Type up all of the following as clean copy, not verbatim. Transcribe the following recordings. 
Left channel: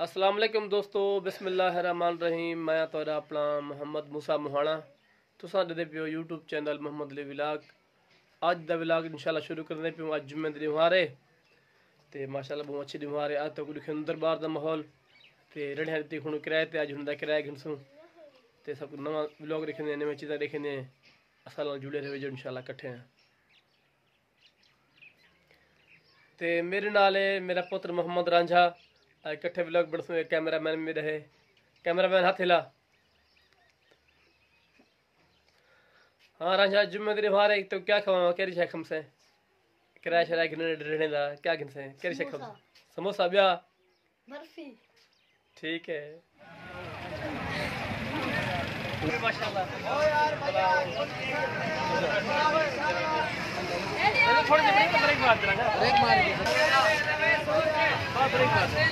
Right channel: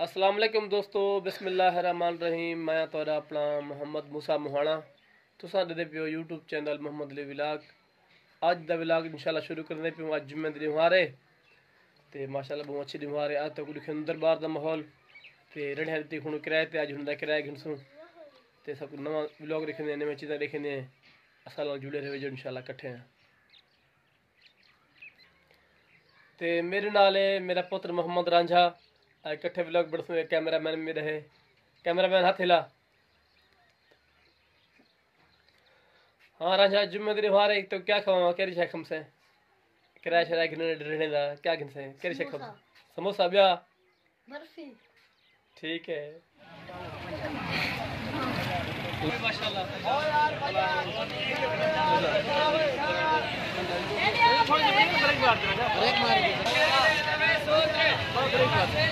अस्सलाम वालेकुम दोस्तों, बिस्मिल्लाहिर्रहमानिर्रहीम। मैं तोरा अपना मोहम्मद मूसा मोहाना तुसां दे पियो YouTube channel Mohammed Ali vlog. अज दा विलाग इंशाल्लाह शुरू करने पियो। अज जुम्मे दी दिवारे ते माशाल्लाह बहुत अच्छी दिवारे। अज तक दिखे दरबार दा माहौल ते रड़ियां दी हुण किराए ते अज हुण दा किराया गिनसूं ते सब नवा विलाग दिखने नवी चीज़ां दिखने असां नाल जुड़े रहो जो इंशाल्लाह इकट्ठे हैं। ते मेरे नाल है मेरा पुत्र मोहम्मद रांझा। इकट्ठे व्लॉग बढ़ते। कैमरामैन में रहे, कैमरामैन हाथ हिला। हाँ रांझा, जुम्मे दिन बाहर एक तो क्या खवाओ केरी शे खमसे किराया शराया गिनने रहने दा क्या गिनसे केरी शे खमसे समोसा ब्या बर्फी ठीक है माशाल्लाह। थोड़ी सी ब्रेक मार देना, ब्रेक मार दे ब्रेक मार दे।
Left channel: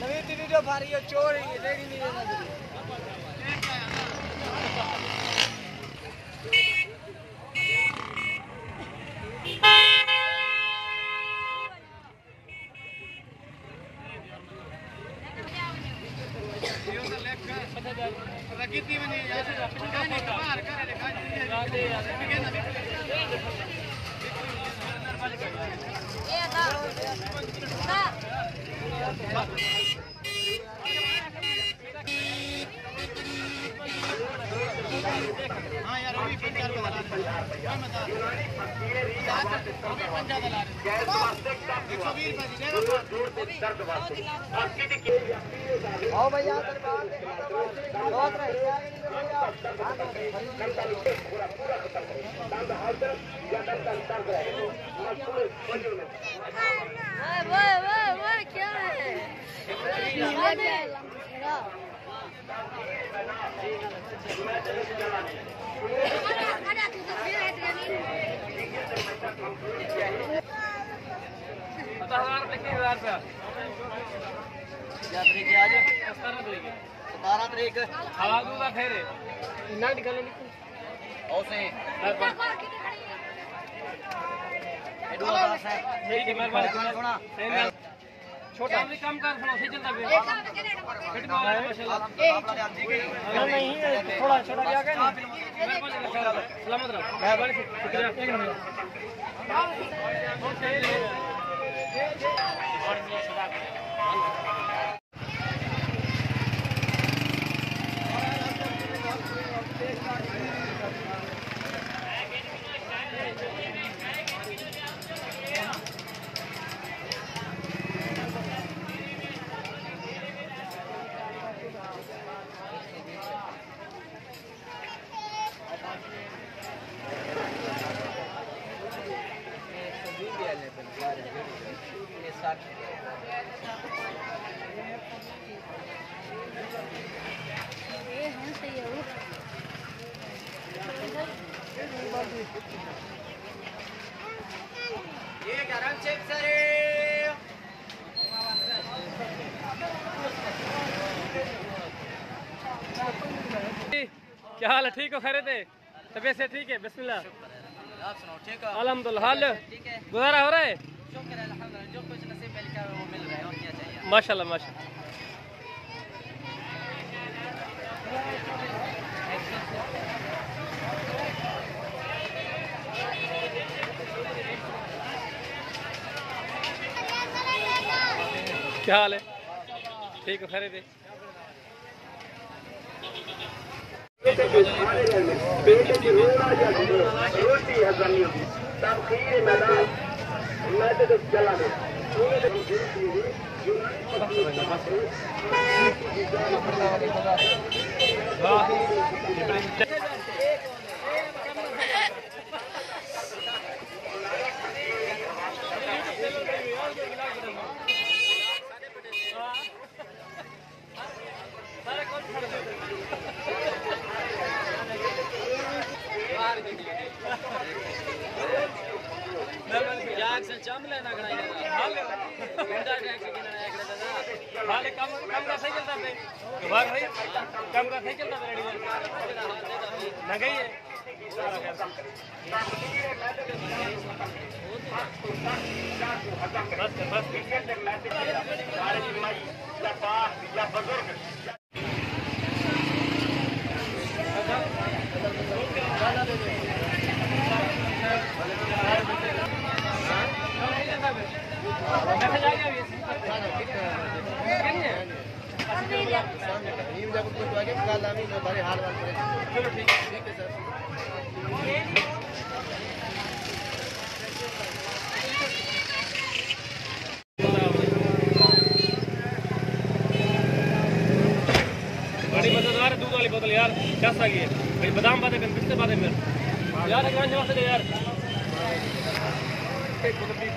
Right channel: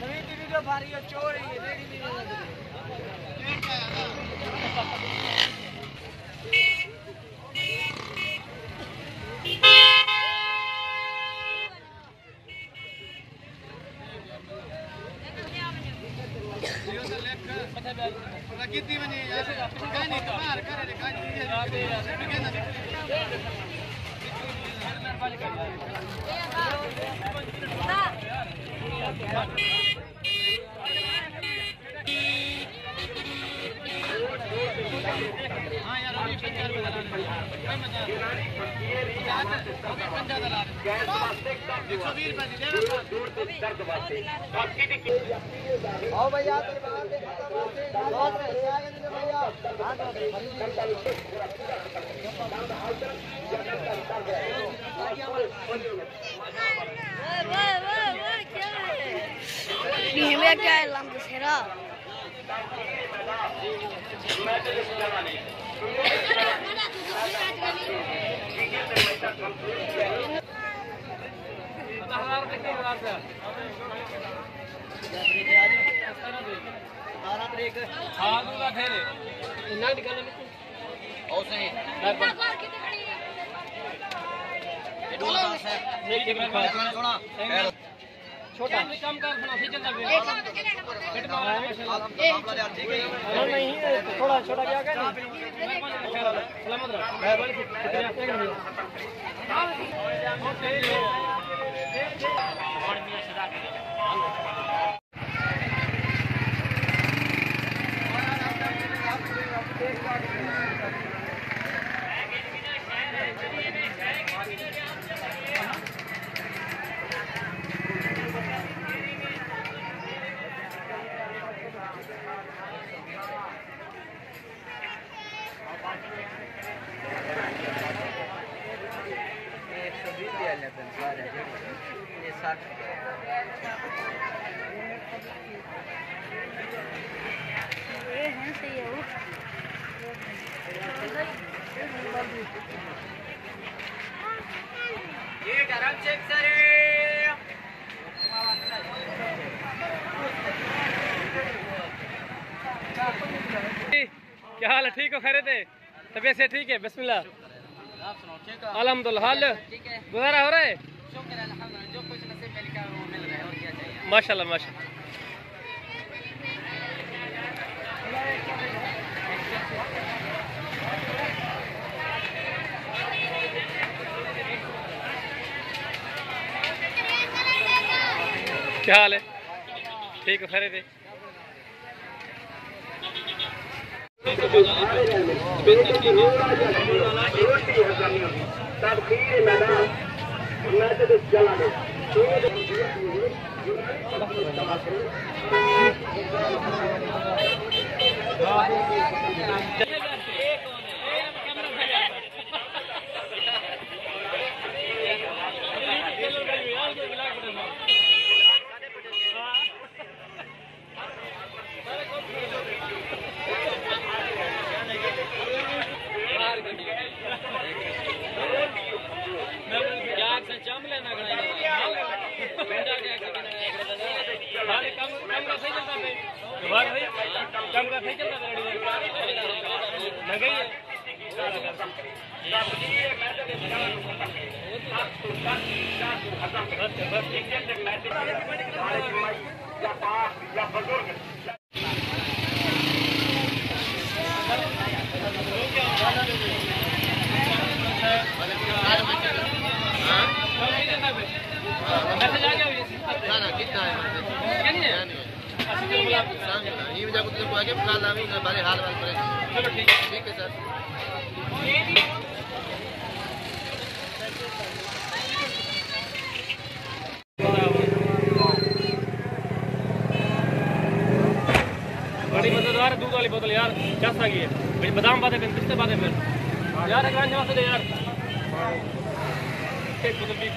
नवी वीडियो भारी है चोर है रेडी नहीं है यो तो लेख प्रकृति में नहीं यार कहानी कमाल करे रे कहानी याद है यार के ना मेहरबानी कर यार। हाँ यार अभी 50 रुपए दला रहे मैं बता अभी 50 दला रहे 120 रुपए देगा आओ भैया दरबार से दरबार से ले आएंगे भैया वो क्या है ये क्या है लंबा सेरा छोटा कम कर सुना सही चलता नहीं थोड़ा छोटा क्या सलामत ये गरम चेक करे क्या हाल है? ठीक हो? खैरियत है? तबीयत से ठीक है? बिस्मिल्लाह। आप सुनाओ ठीक है? अल्हम्दुलिल्लाह। हाल गुजारा हो रहा है? शुक्र है अल्हम्दुलिल्लाह, जो कुछ नसीब में लिखा है वो मिल रहा है और क्या चाहिए। माशाल्लाह माशाल्लाह। क्या हाल है? ठीक हो? खैरियत है? जाम लेना खड़ा हाल कम का सही चलता है बार भाई कम का सही चलता है महंगाई है मैसेज आ गया ना कितना है मैसेज क्या नहीं है अच्छा चलो मतलब ये मुझे कुछ को आगे काल आमी बारे हाल वाल पर चलो ठीक है सर बड़ी मजेदार दूध वाली बोतल यार क्या सांगी है भाई बादाम बातें पिछले बातें फिर यार एक जवाब से दे यार एक बोतल भी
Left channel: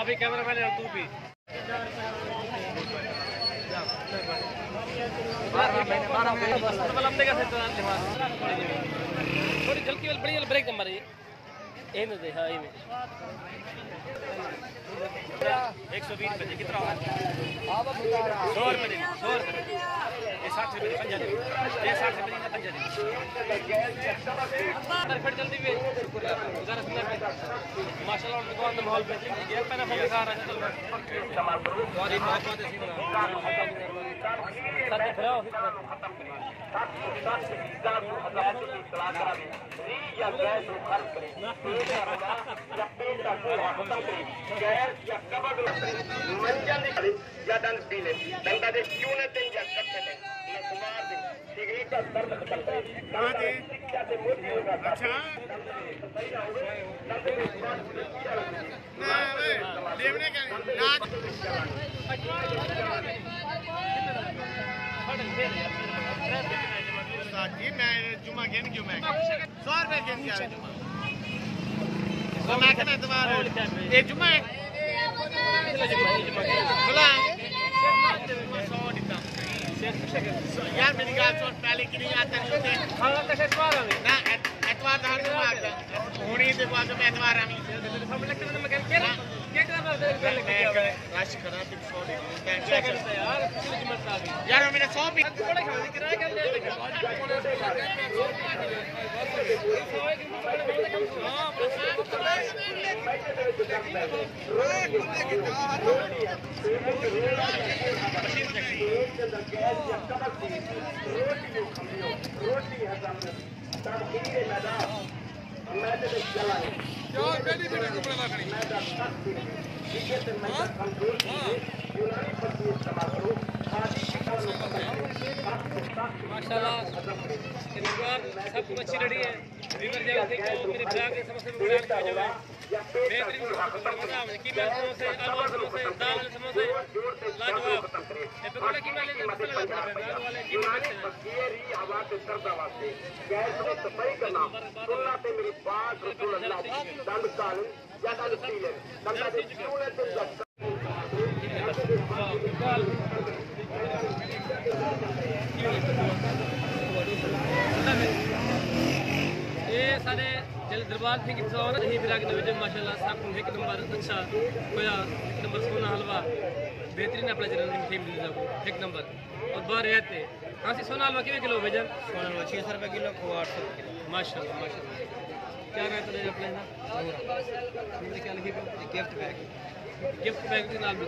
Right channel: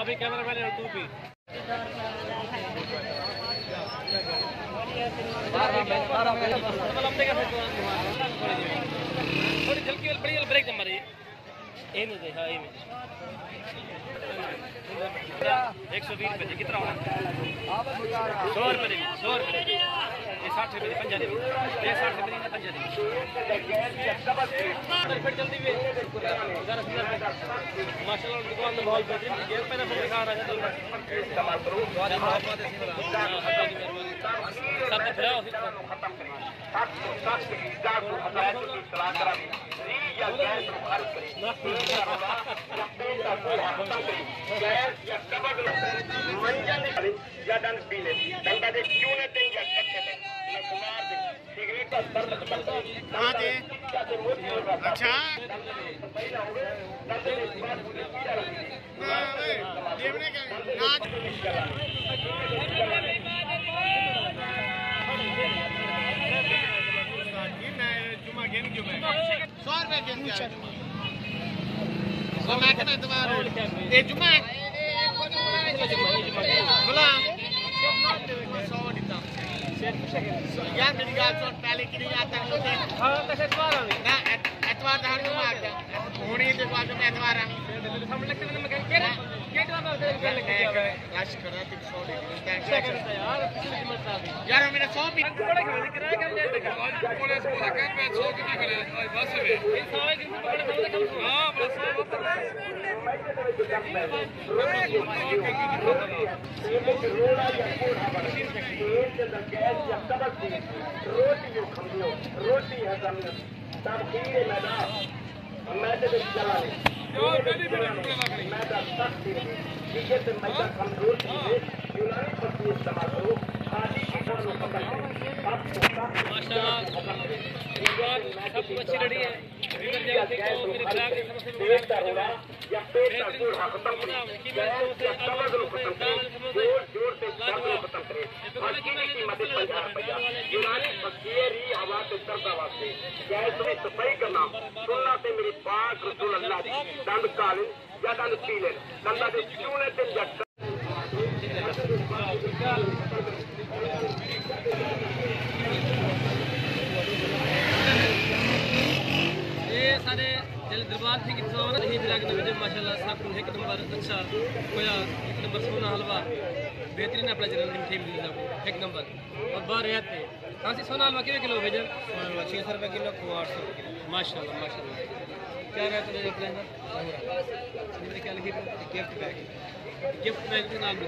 अभी कैमरा मैन तू भी थोड़ी जल्दी बड़ी ब्रेक नंबर है 120 रुपए कितना होगा 100 रुपए 100 रुपए ये 60 रुपए 50 ये 60 रुपए 50 फिर जल्दी भी माशाल्लाह दुकान में माहौल बेहतरीन है पहले फोन आ रहा है इस्तेमाल करो और ये मोहब्बत है सब फिराओ अच्छा देवने का नाच जी मैं जुमा गेन क्यों मैं 100 रुपए दिन क्या जुमा तो मैं कहना तुम्हारे ये जुमा है बोला 100 देता यार मेरी गाल सुन पहले की नहीं आता नहीं होते हां कैसे एतवार आवे ना एतवार हर जुमा आता होनी ते बाद में एतवार आमी हम लगता है मैं कह एतवार में रश करा 100 दे थैंक यार पिछले जुमा था यार मेरा 100 भी थोड़े खाने किराया कर ले देखा कोले बोला कर मैं 100 कितनी करे बस है 100 के थोड़े थोड़े कम हां बस रोटी है तमकीर मैदान मैं तो चला क्यों पहली भी कपड़े ना खड़ी माशाल्लाह सब कुछ अच्छी रेडी है रिवर जगह से तो मेरे ब्लॉग की समस्या में गुजारिश कर जाए बेहतरीन मजा आवे की मैं समोसे आलू वाले समोसे दाल वाले समोसे लाजवाब ये तो बड़ा कीमत लेने मसाला लगता है दाल वाले की बखेरी हवा से चलता वास्ते गैस में सफाई करना सुन्नत से मेरी बात रसूल अल्लाह दंड काली या दंड पीले दंड से चूने से जट ये सारे जल दरबार सिंह की सवाल नहीं फिर आगे नवीन माशाल्लाह सब एक नंबर अच्छा खोया एक नंबर सोना हलवा बेहतरीन अपना जलन की मीठी मिल जाओ एक नंबर और बाहर रहते हाँ सी सोना हलवा कितने किलो भेजन 600 रुपये किलो खोआ 800 रुपये किलो माशाल्लाह माशाल्लाह क्या रहता है अपने ना क्या लिखी गिफ्ट बैग के नाम भी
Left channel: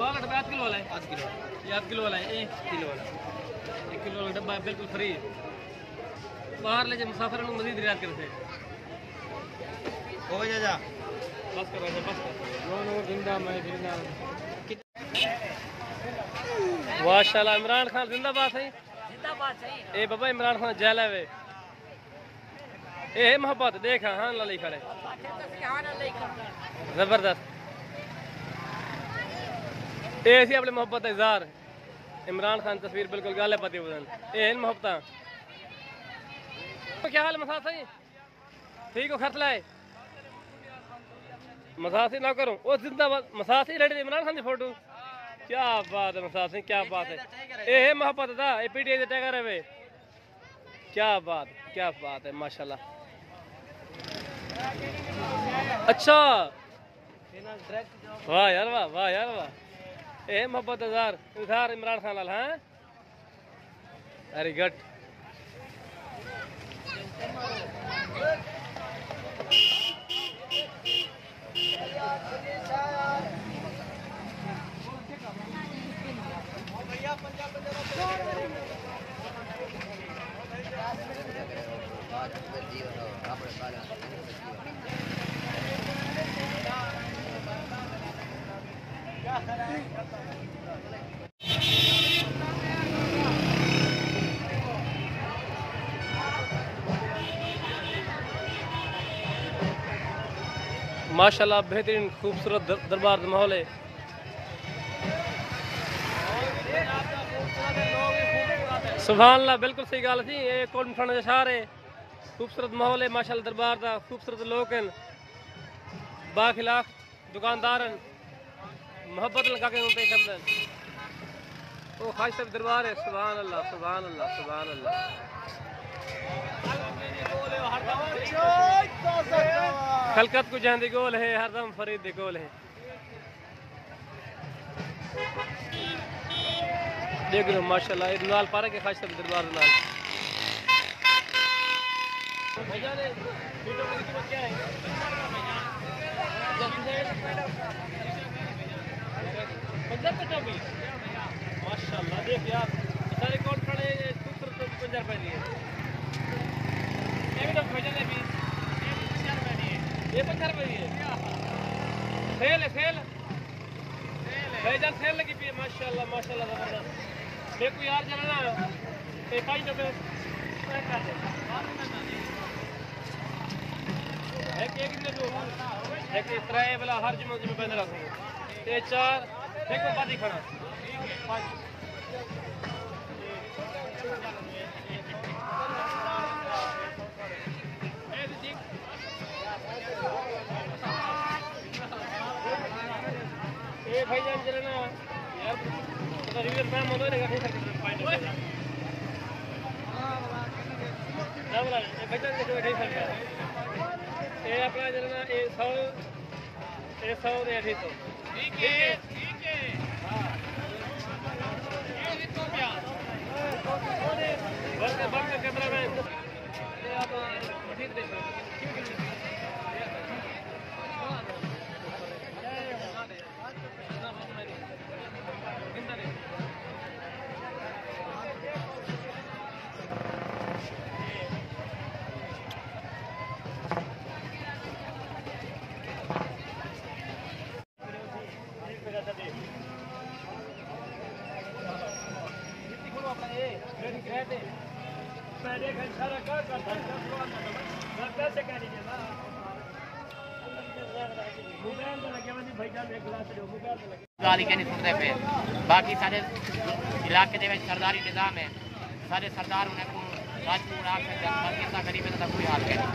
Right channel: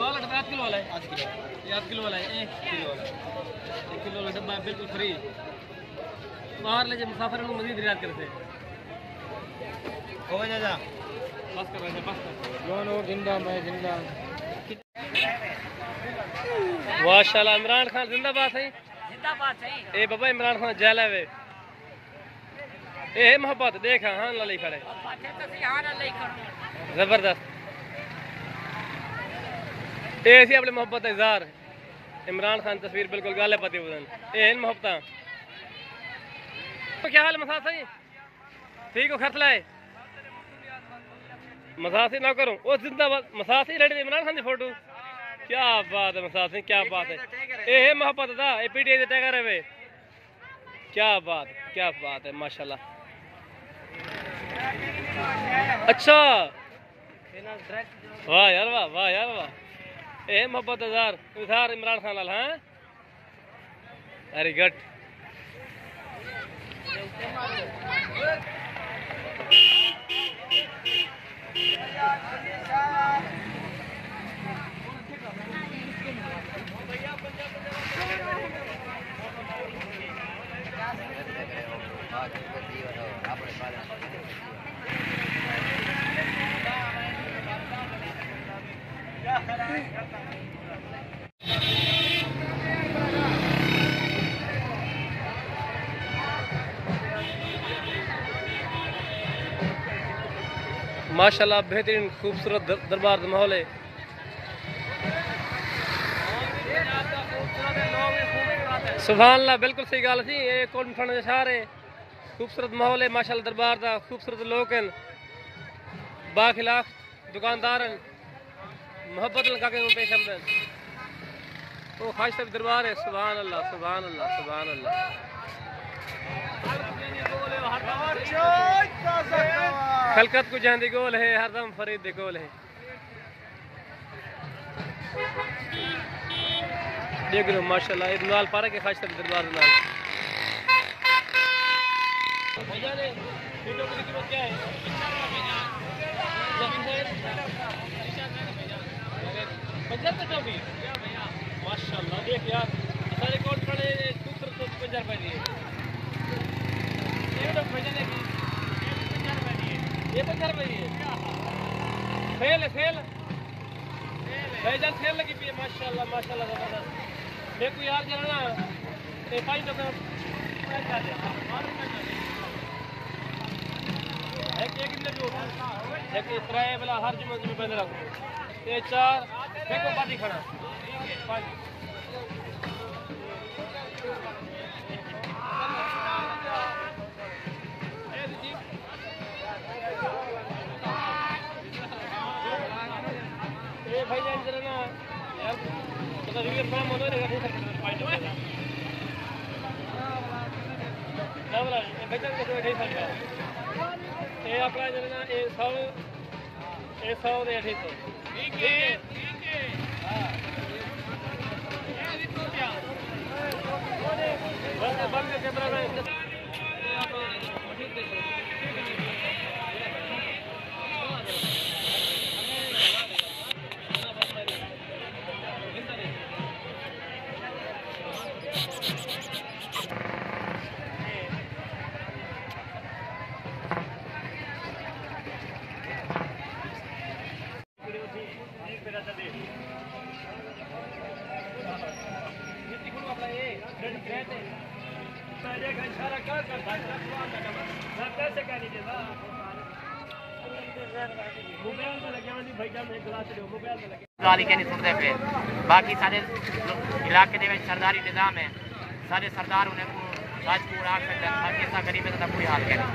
पालट 8 किलो वाला है 8 किलो वाला है 1 किलो वाला 1 किलो वाला डब्बा बिल्कुल फ्री बाहर ले जाए मुसाफिर मजीद रियायत करते हो जा बस कर वैसे बस कर माशाल्लाह इमरान खान जिंदाबाद है ए बाबा इमरान खान जेल है वे ए मोहब्बत देख हां ला लिख खड़े जबरदस्त ए सी अपने मोहब्बत इजहार इमरान खान तस्वीर बिल्कुल गाले पति बदन ए मोहब्बत तो क्या हाल मसाज सही ठीक हो खर्च लाए मसाज ना करूं वो जिंदाबाद मसाज रेडी इमरान खान की फोटो क्या बात है मसाज क्या बात है ए मोहब्बत दा ए पीटीआई दे टैगर है वे क्या बात है माशाल्लाह। अच्छा वाह यार वाह, वाह यार वाह। ए मोहब्बत उधार इमरान खान लाल। हाँ वेरी गुड। माशाल्लाह बेहतरीन खूबसूरत दरबार माहौल है। सुभान अल्लाह, बिल्कुल सही गल सी। ये कोट थाने का शहर है, खूबसूरत माहौल है माशाल्लाह। दरबार का खूबसूरत लोग हैं, बाखिलाफ दुकानदार हैं, मोहब्बत लगा के पेश आमदन। वो खास तक दरबार है। सुभान अल्लाह, सुभान अल्लाह, सुभान अल्लाह। खलकत को जांदी गोल है, हरदम फरीद दे गोल है। देख लो माशाल्लाह, ये नाल पारा के खास तक दरबार नाल। भैया ने वीडियो की कीमत क्या है? 50 रुपये माशाल्लाह। देख यार सारे कोट पड़े खूबसूरत 50 रुपये दिए। ये तो भैया ने भी 50 रुपये दिए। ये 50 रुपये दिए। फेल है, फेल भाईजान, फेल लगी पी है माशाल्लाह, माशाल्लाह जबरदस्त। मैं कोई याद करना ये 5 रुपये एक त्रै वाला हर जुम्मे में बंद रखो। ये 4 देखो पार्टी खाना। ये भाईजान चले ना यार, पता नहीं मैं मनो नहीं कर सकता। ना बोला भाईजान को नहीं सकता। ये अपना जो है ना ये 100 ये 100 दे 250। ठीक है, ठीक है। हाँ ये रुपया बंद कैमरा मैन। ये आप मशीन देख लो। ठीक है। गाली के नहीं सुनते पे। बाकी सारे इलाके दे सरदारी निजाम है, सारे सरदार उन्हें को राजपूत आख बाकी ऐसा गरीब है कोई हाल के नहीं।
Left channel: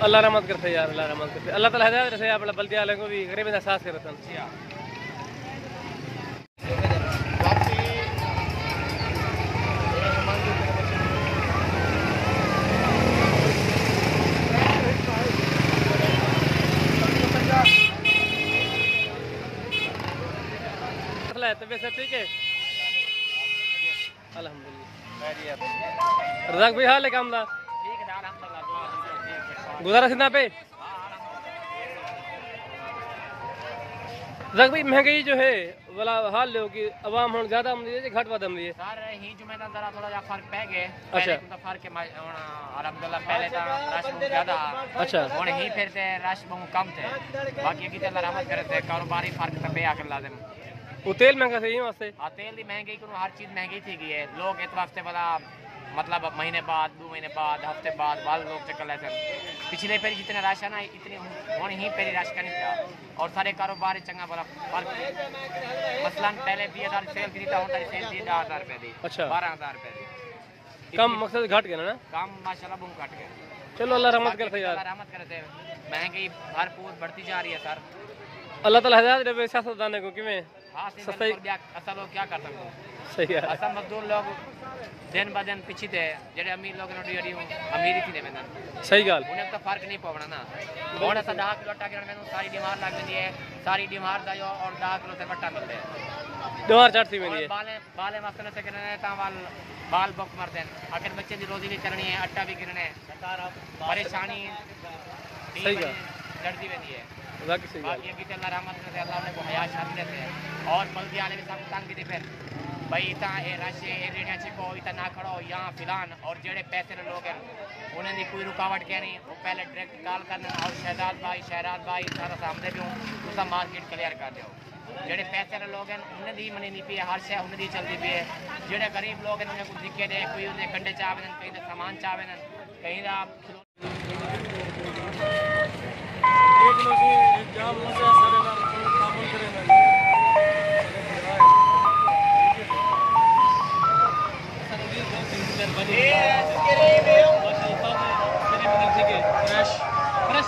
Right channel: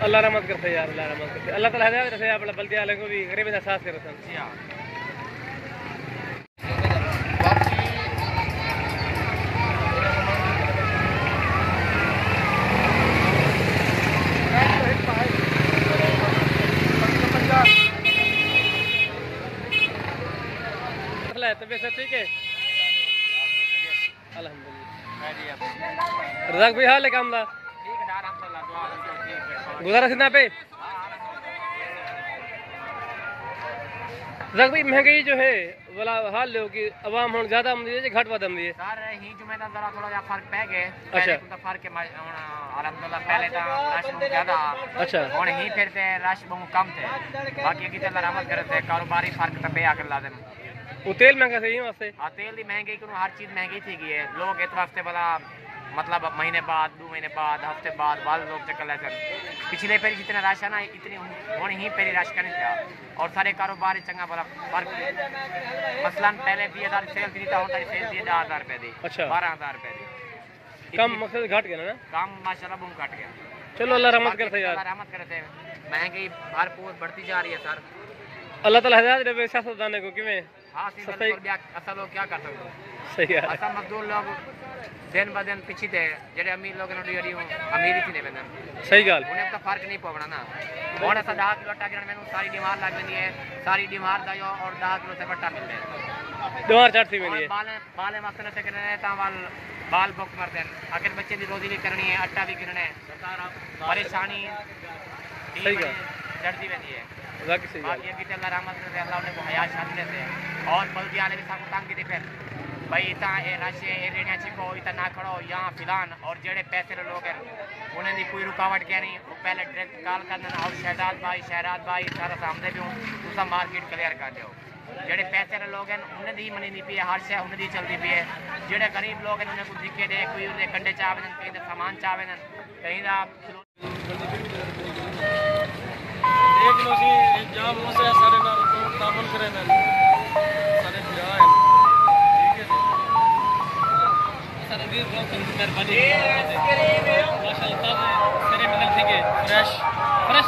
अल्लाह रहमत करते यार, अल्लाह रहमत करते। अल्लाह ताला हिदायत रखे अपना बल्दिया वाले को भी गरीब का एहसास करते हैं। तबीयत सब ठीक है अल्हम्दुलिल्लाह। रज़ाक भाई हाल है काम दा? गुजारा सीधा पे। रज़ाक भाई महंगाई जो है वाला हाल लो कि अवाम हुन ज्यादा आमदी है घट वध आमदी है? सर ही जुमे दा जरा थोड़ा फर्क पै गए। अच्छा तो फर्क है अल्हम्दुलिल्लाह। पहले ता रश बहुत ज्यादा। अच्छा हुन ही फिर ते रश बहुत कम थे। बाकी की ते अल्लाह रहमत करे थे कारोबारी फर्क ते पे आके लाजिम। वो तेल महंगा सही वास्ते? हाँ तेल की महंगाई को हर चीज महंगी थी गई है। लोग एक हफ्ते वाला मतलब महीने बाद 2 महीने बाद हफ्ते बाद लोग चक्कर लेते हैं। पिछले पेरी जितना रश है ना इतनी हूँ ही पेरी रश का नहीं था। और सारे कारोबार चंगा बड़ा फर्क मसलन पहले 20,000 सेल थी तो सेल थी 10,000 रुपए दी। अच्छा 12,000 रुपए दी। कम मकसद घट गया ना? काम माशाल्लाह बहुत घट गया। चलो अल्लाह रहमत करते यार, रहमत करते। महंगाई भरपूर बढ़ती जा रही है सर। अल्लाह ताला हिदायत दे सियासतदान को किवें। हाँ सफाई असा लोग क्या कर सकते हो सही है असा मजदूर लोग दिन ब दिन पिछे थे जेडे अमीर लोग अमीरी थी लेना सही गाल उन्हें तो फर्क नहीं पवना ना और असा 10 किलो आटा गिरन मैंने सारी बीमार लग वेंदी है सारी बीमार दा जो और 10 किलो से बट्टा मिलते है दीवार चढ़ थी मेरी बाले मसले से करने ता बाल बुक मरते हैं आखिर बच्चे की रोजी भी करनी है आटा भी गिरना है परेशानी सही है जड़ती रहती है बाकी सही बाकी ये अल्लाह रहमत से अल्लाह ने को हयात शादी से और बल्कि वाले भी सब तंग की फिर भाई इतना ए राशि ए रेडिया छिको इतना ना खड़ो यहाँ फिलान और जेड़े पैसे लोग हैं उन्हें दी कोई रुकावट क्या नहीं वो पहले डायरेक्ट कॉल कर देना और शहजाद भाई सारा सामने भी हूँ तुसा मार्केट क्लियर कर दो जेड़े पैसे लोग हैं उन्हें दी मनी नहीं पी है हर शय उन्हें दी चलती पी है जेड़े गरीब लोग हैं उन्हें कुछ दिक्कत है कोई उन्हें कंडे चावे कहीं का सामान चावे कहीं का एक लोग जाम हो से सारे नाल तामुल करे ना सारे गिरा है ठीक है सारे वीर बहुत संग मेहरबानी माशाल्लाह ताजे सेरे मिलल ठीक है फ्रेश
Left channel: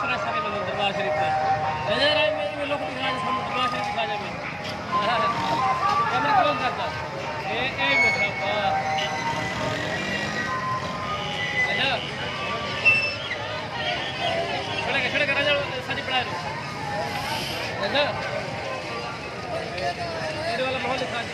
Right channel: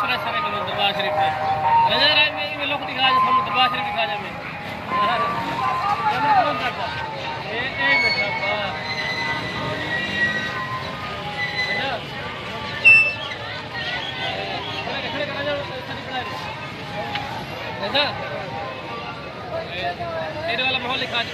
सेरे मिलल दरबार शरीफ पे रजा राय में लोग दिखा जे हम दरबार शरीफ दिखा जे में ये मैं कौन करता ए मतलब खड़े कर राजा सारी पढ़ा रहे है ना तेरे वाला माहौल दिखा दे